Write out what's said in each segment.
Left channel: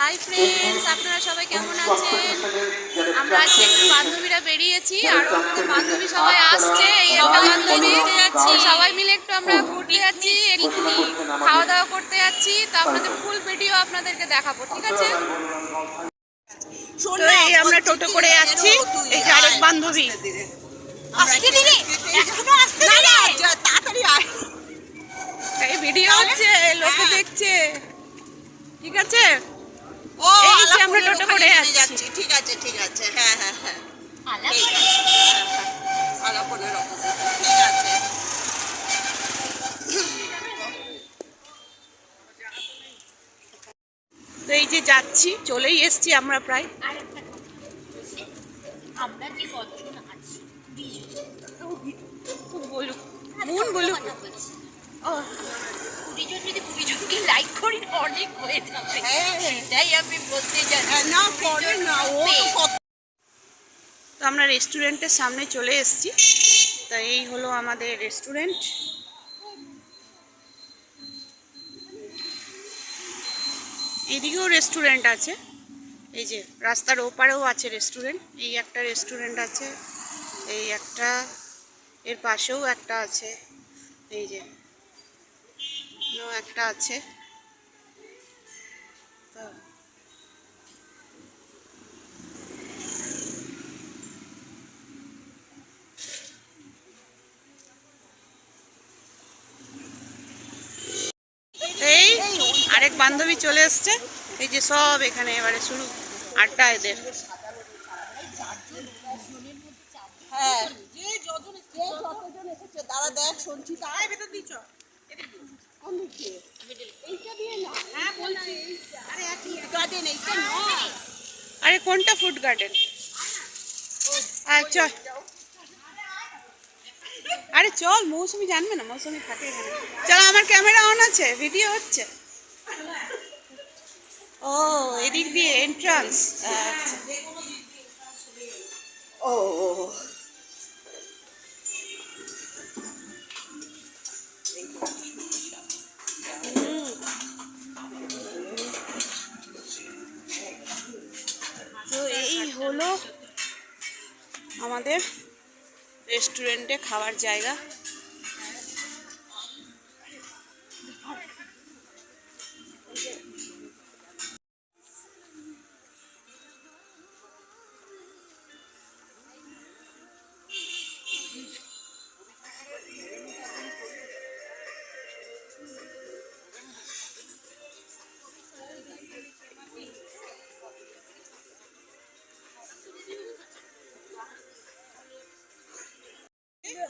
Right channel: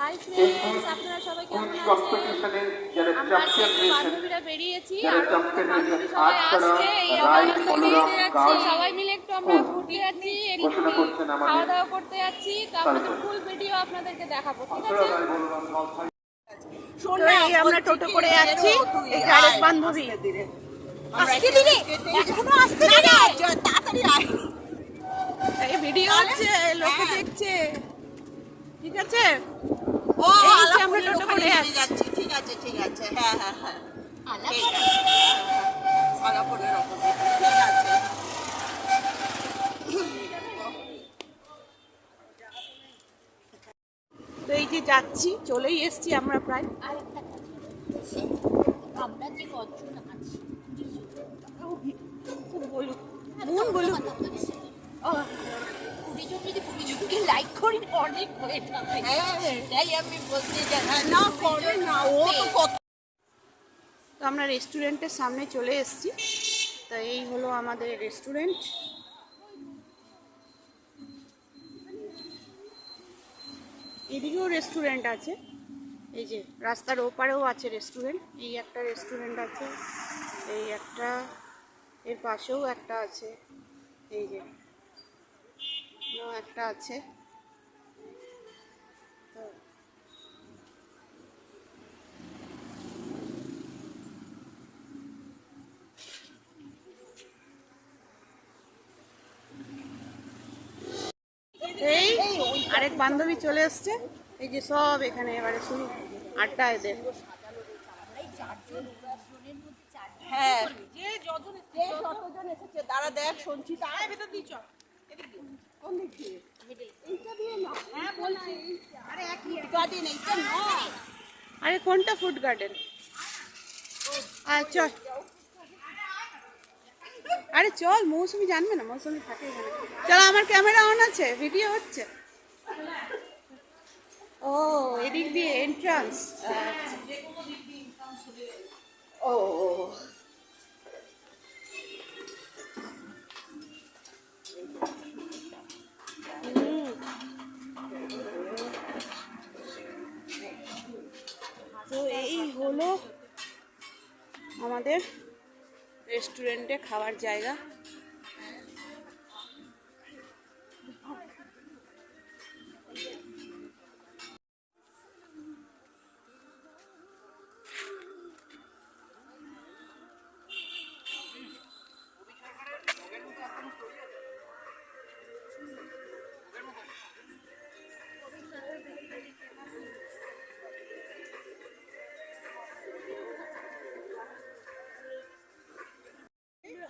Hi friends, আপনারা সবাই কেমন আছেন? আমরা আজকে একটু বান্ধবীরা বেরিয়েছি, আরো আমাদের বান্ধবী সবাই আসছে। এই একটা বান্ধবী যাচ্ছি, সবাই মিলে একটু আমরা ঘুরতে যাচ্ছি, একটুখানি খাওয়া দাওয়া করতে যাচ্ছি। তো আপনাদের ফুল ভিডিও আপনাদেরকে দেখাবো, ঠিক আছে? তো এই আমরা টোটো করে যাচ্ছি, এই যে আরেক বান্ধবী। আসতে দিলে, এখনো আসতে দিলে, তাড়াতাড়ি আয়। এই ভিডিও হচ্ছে, লোকে দেখছে, ঠিক আছে? এই যে আমরা টোটো করে যাচ্ছি। ঠিক আছে ঠিক আছে, হ্যাঁ হ্যাঁ হ্যাঁ, ঠিক আছে। তো এই যে যাচ্ছি, চলেই এসছি আমরা প্রায়। আমরা যে কতজন আছি বলুক, মন বলুক। 20 জন, যদি 20 জনকে লাইক করি অনেক হয়ে যাবে। সেটাই আমি বলতে যাচ্ছি। না পরে না, ও তো আমরা রেস্টুরেন্টের সামনে চলে এসেছি। তো এই হলো আমাদের রেস্টুরেন্ট। এইদিকেও রেস্টুরেন্ট আছে, এই যে রাস্তার ওপারেও আছে রেস্টুরেন্ট। এই একটা রেস্টুরেন্ট আছে, এই একটা, এর পাশেও একটা আছে, এই যে একটা আছে। তো এই আরেক বান্ধবী চলে এসছে, এই যে সব এখানে এবারে শুরু আড্ডা এদের। হ্যাঁ, যে যতজন এসেছে তারা দেখ শুনছি, তাই ভেতর দিচ্ছ কোন দিক দিয়ে? এইটা দিয়ে না, হ্যাঁ বলছি। আরে একই গার্ডেন, এইটা না। আরে কোনটা ফুড গার্ডেন? চল, আরে চল, মৌসুমি জানবে না, মৌসুমি থাকে এখানে। চলো, আমার ক্যামেরা অন আছে, ভিডিও হচ্ছে। ও, এদিক দিয়ে এন্ট্রান্স। আচ্ছা, ও তো এই হলো আমাদের রেস্টুরেন্টে খাওয়ার জায়গা।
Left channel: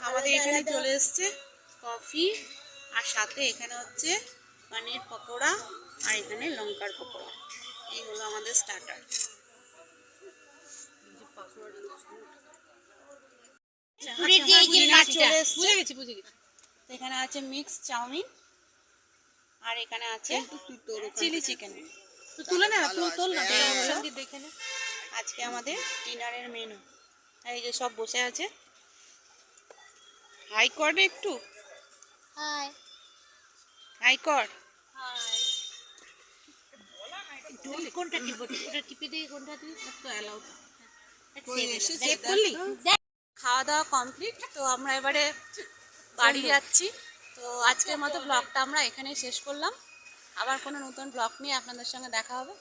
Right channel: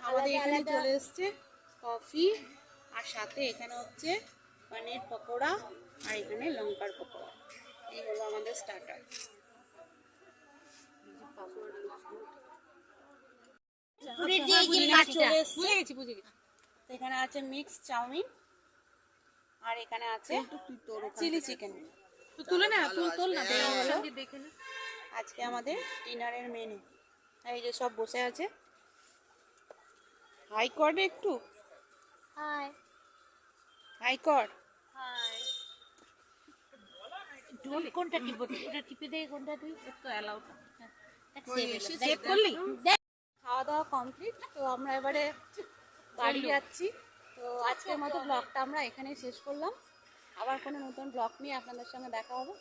আমাদের এখানে চলে এসছে কফি, আর সাথে এখানে হচ্ছে পনির পকোড়া, আর এখানে লঙ্কার পকোড়া। এই হলো আমাদের স্টার্টার। চলে এসছে, এখানে আছে মিক্স চাউমিন, আর এখানে আছে চিলি চিকেন। তুলে না, তুল না, দেখে না। আজকে আমাদের ডিনারের মেনু। এই যে সব বসে আছে। হাই কর একটু, হাই হাই কর। হাই। কোনটা টিপে, ওটা টিপে দে, কোনটা তুই তো অ্যালাউ কর। খাওয়া দাওয়া কমপ্লিট, তো আমরা এবারে বাড়ি যাচ্ছি। তো আজকের মতো ব্লগটা আমরা এখানেই শেষ করলাম। আবার কোনো নতুন ব্লগ নিয়ে আপনাদের সঙ্গে দেখা হবে।